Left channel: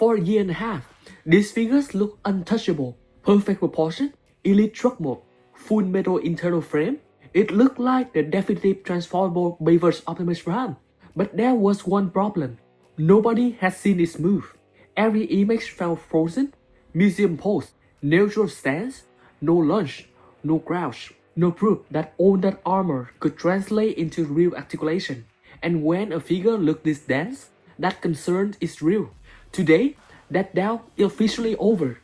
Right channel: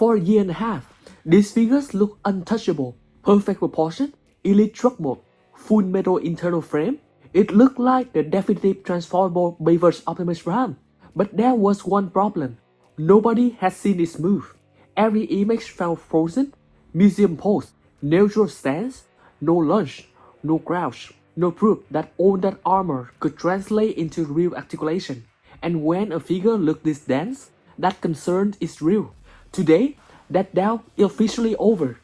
For a year and a half, these figures look untouchable, perfect proportion, elite truck mode, full metal internal frame. It looked like the definitive transformable Bayverse Optimus Prime. But there was one problem. Nobody had seen its move. Every image felt frozen, museum pose, neutral stance, no lunge, no crouch, no proof that all that armor could translate into real articulation. And when a figure looked this dense, that concern is real. Today, that doubt is officially over.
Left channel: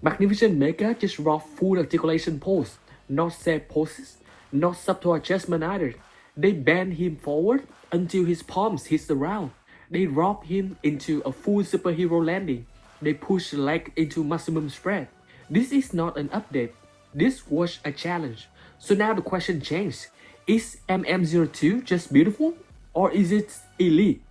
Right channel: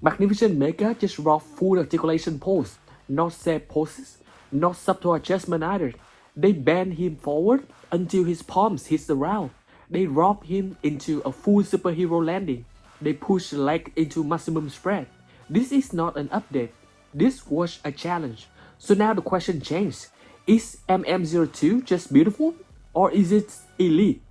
Magnificent Mecha just brought full articulation pose, not set poses, not subtle adjustment either. They bend him forward until his palms hit the ground. They drop him into a full superhero landing. They push the leg into maximum spread. This is not an update. This was a challenge. So now the question changed. Is MM-02 just beautiful? Or is it elite?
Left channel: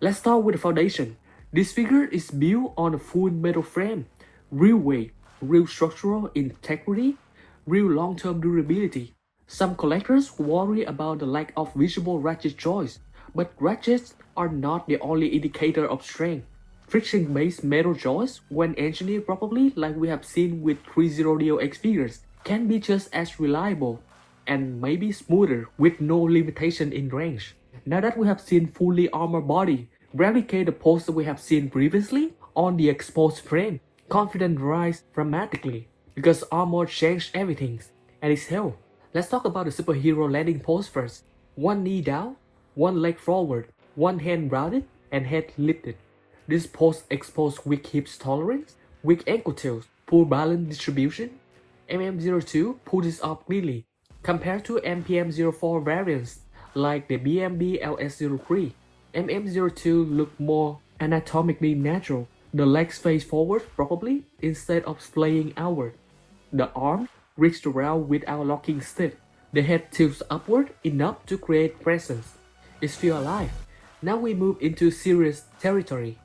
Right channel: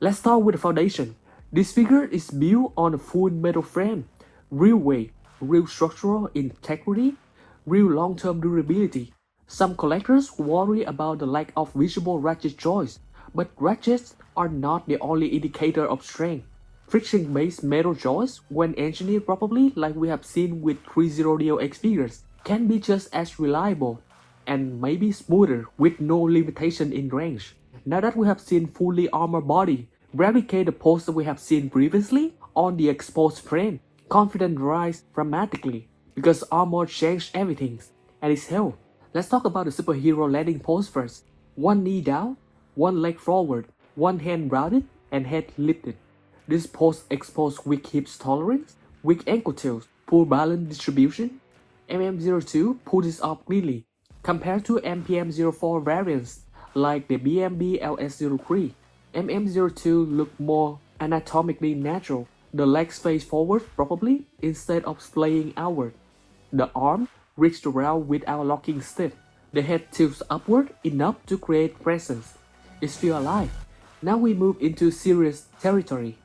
Let's start with the foundation. This figure is built on a full metal frame. Real weight, real structural integrity, real long-term durability. Some collectors worry about the lack of visible ratchet joints, but ratchets are not the only indicator of strength. Friction-based metal joints, when engineered properly like we have seen with Threezero DLX figures, can be just as reliable and maybe smoother with no limitation in range. Now that we have seen fully armored body, replicate the pose that we have seen previously on the exposed frame, confidence rise dramatically because armor changed everything and it's held. Let's talk about the superhero landing pose first. One knee down, one leg forward, one hand rounded and head lifted. This pose exposes weak hips tolerance, weak ankle tilts, poor balance distribution. MM-02 pulls this off cleanly compared to MPM-04 variants like the BMB LS-03. MM-02 look more anatomically natural. The legs face forward properly instead of splaying outward. The arm reached around without locking stiff. The head tilts upward enough to create presence. It feels alive. Now we move into serious territory.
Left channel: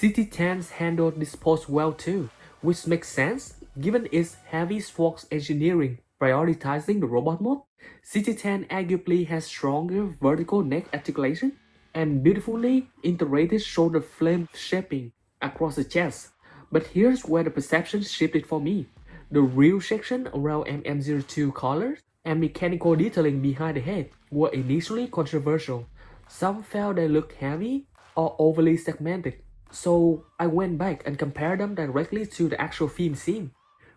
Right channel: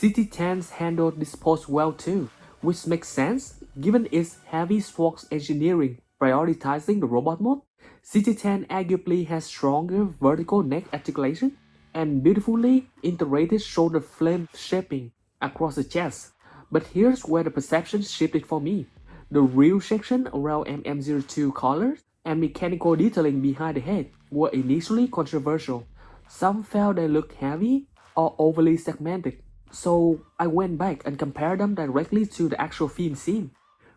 CT10s handled this pose well too, which makes sense given its heavy spokes engineering prioritizing the robot mode. CT10 arguably has stronger vertical neck articulation and beautifully integrated shoulder flame shaping across the chest. But here's where the perception shifted for me. The real section around MM-02 collars and mechanical detailing behind the head were initially controversial. Some felt they looked heavy or overly segmented. So I went back and compared them directly to the actual film scene.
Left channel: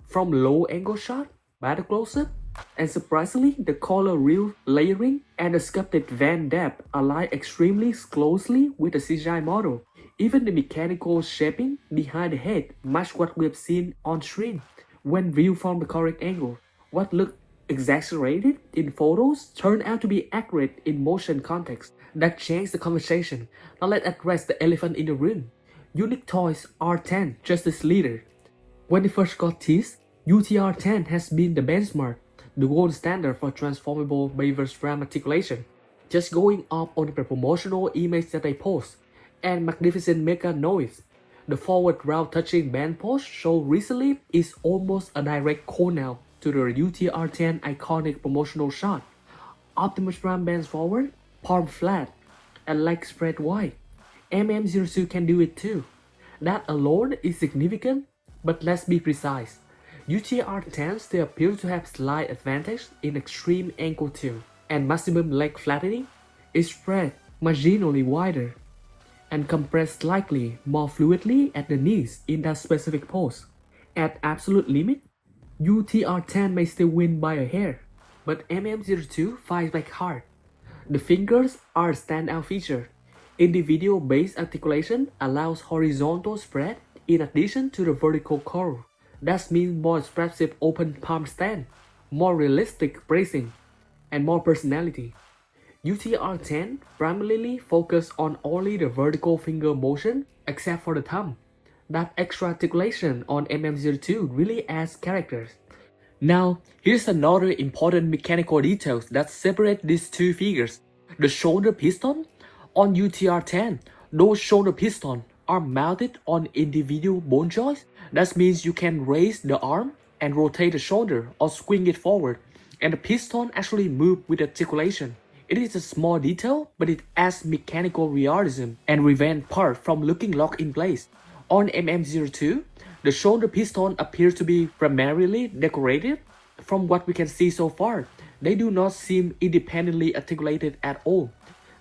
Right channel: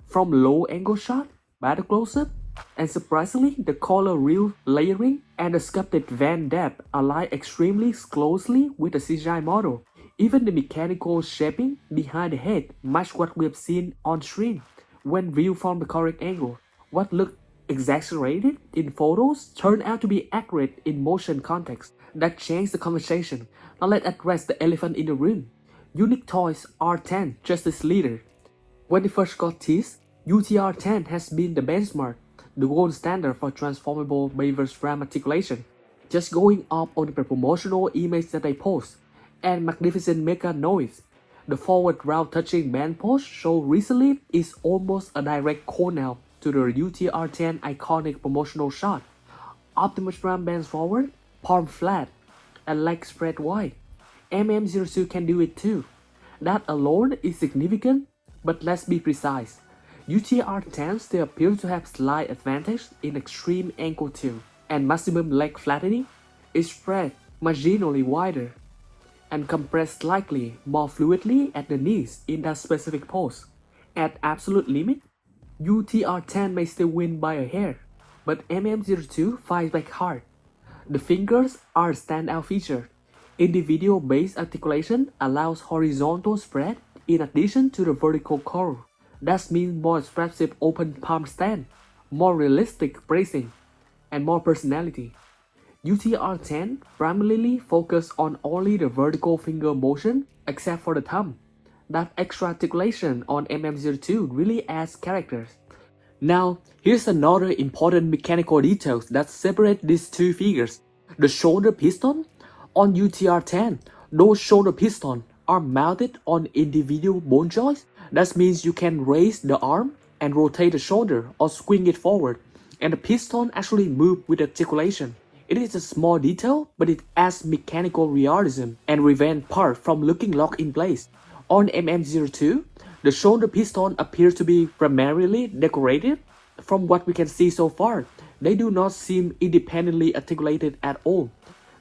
From low angle shot, battle close-up, and surprisingly the collar reel layering and the sculpted van depth align extremely closely with the CGI model. Even the mechanical shaping behind the head matched what we have seen on screen when viewed from the correct angle. What looked exaggerated in photos turned out to be accurate in motion context. That changed the conversation. Now let's address the elephant in the room. Unique Toys R10 Justice Leader. When it first got teased, UTR10 has been the benchmark, the gold standard for transformable Bayverse Prime articulation. Just going up on the promotional image that I post, and magnificent Mecha noise. The forward round touching band pose shown recently is almost a direct call now to the UTR10 iconic promotional shot. Optimus Prime bends forward, palm flat, and leg spread wide. MM-02 can do it too. That alone is significant, but let's be precise. UTR-10 still appears to have slight advantage in extreme ankle tilt and maximum leg flattening. It's spread marginally wider and compressed slightly more fluidly at the knees in that specific pose. At absolute limit, UTR-10 may still win by a hair, but MM-02 fights back hard. The fingers are a standout feature. Individual-based articulation allows horizontal spread in addition to the vertical curve. That means more expressive open palm stand, more realistic bracing, and more personality. UTR-10 primarily focus on only the vertical finger motion except for the thumb. That extra articulation on MM-02 really adds characters. Now, here's another important mechanical detail that separates these two figures. The shoulder piston. On UTR-10, those shoulder pistons are mounted on individual bone joints. That means you can raise the arm and rotate the shoulder or swing it forward, and the piston actually moves with articulation. It is a small detail, but it adds mechanical realism and prevents part from looking locked in place. On MM-02, the shoulder piston appears to be primarily decorative. From what we can see so far, they do not seem independently articulated at all.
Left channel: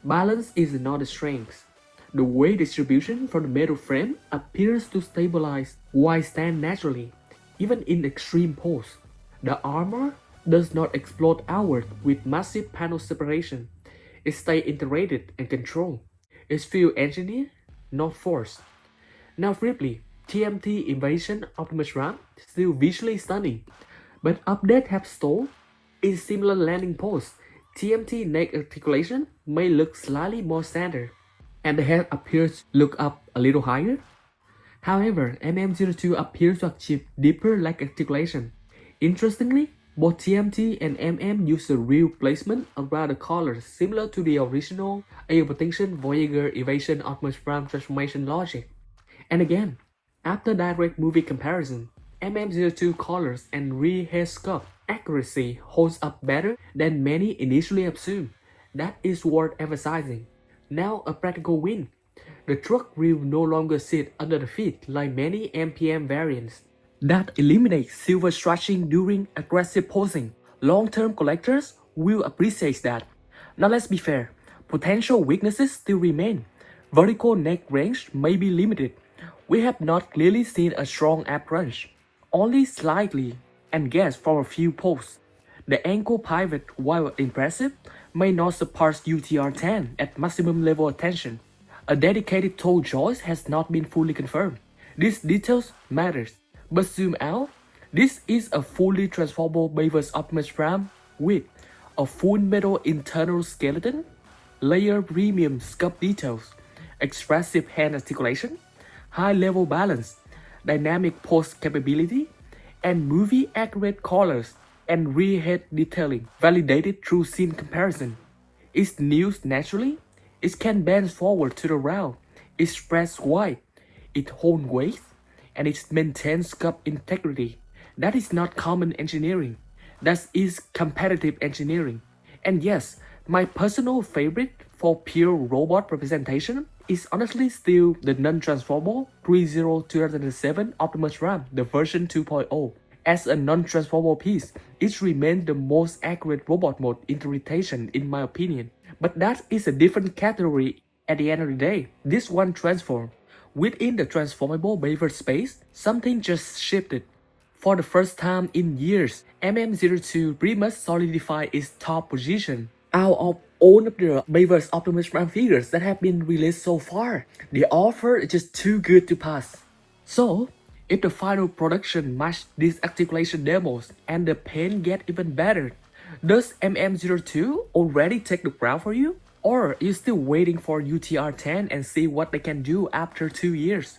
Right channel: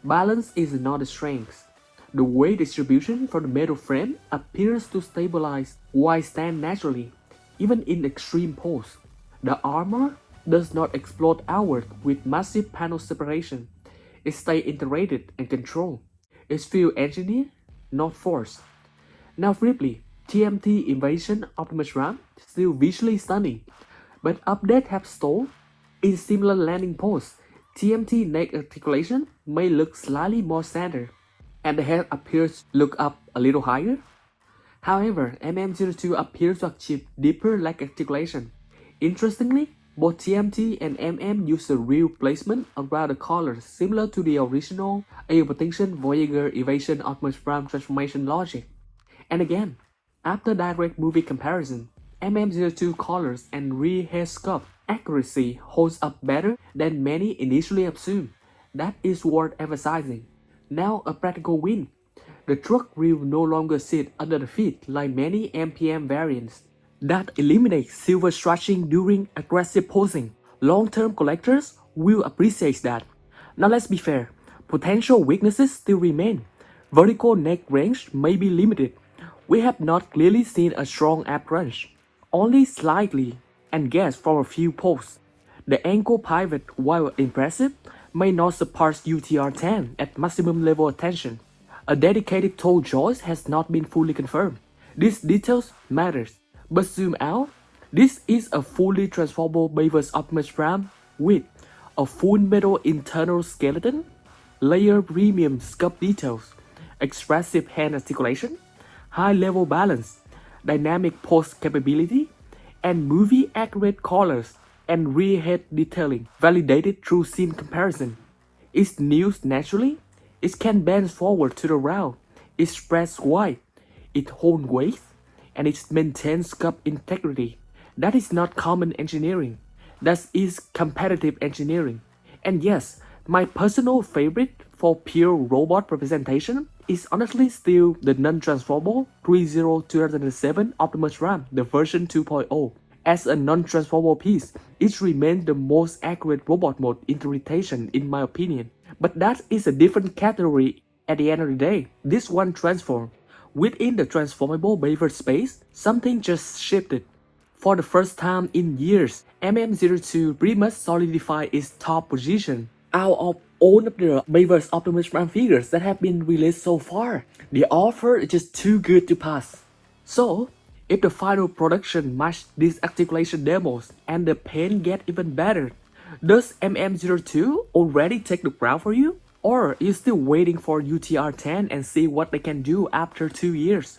Balance is not a strength. The weight distribution from the metal frame appears to stabilize while stand naturally, even in extreme pose. The armor does not explode outward with massive panel separation. It stays integrated and controlled. It's feel engineered, not forced. Now briefly, TMT Evasion Optimus Prime still visually stunning, but updates have stalled. In similar landing pose, TMT neck articulation may look slightly more standard, and the head appears to look up a little higher. However, MM-02 appears to achieve deeper leg articulation. Interestingly, both TMT and MM use a real placement around the collars similar to the original Air-Protection Voyager Evasion Optimus Prime transformation logic. And again, after direct movie comparison, MM-02 collars and rear head sculpt accuracy holds up better than many initially assumed. That is worth emphasizing. Now a practical win. The truck will no longer sit under the feet like many MPM variants. That eliminates silver stretching during aggressive posing. Long-term collectors will appreciate that. Now let's be fair, potential weaknesses still remain. Vertical neck range may be limited. We have not clearly seen a strong ab crunch, only slightly, and guess for a few pulls. The ankle pivot, while impressive, may not surpass UTR-10 at maximum level of tension. A dedicated toe joist has not been fully confirmed. These details matters, but zoom out, this is a fully transformable Bayverse Optimus Prime with a full metal internal skeleton, layer premium sculpt details, expressive hand articulation, high-level balance, dynamic pose capability, and movie-accurate collars and rear head detailing validated through scene comparison. It kneels naturally, it can bend forward to the round, it spreads wide, it holds weight, and it maintains sculpt integrity. That is not common engineering, that is competitive engineering. And yes, my personal favorite for pure robot representation is honestly still the non-transformable Threezero 2007 Optimus Prime, the version 2.0. As a non-transformable piece, it remains the most accurate robot mode interpretation in my opinion. But that is a different category at the end of the day. This one transformed. Within the transformable Bayverse space, something just shifted. For the first time in years, MM-02 pretty much solidified its top position. Out of all of the Bayverse Optimus Prime figures that have been released so far, the offer is just too good to pass. So, if the final production matches these articulation demos and the paint get even better, does MM-02 already take the ground for you? Or are you still waiting for UTR-10 and see what they can do after 2 years?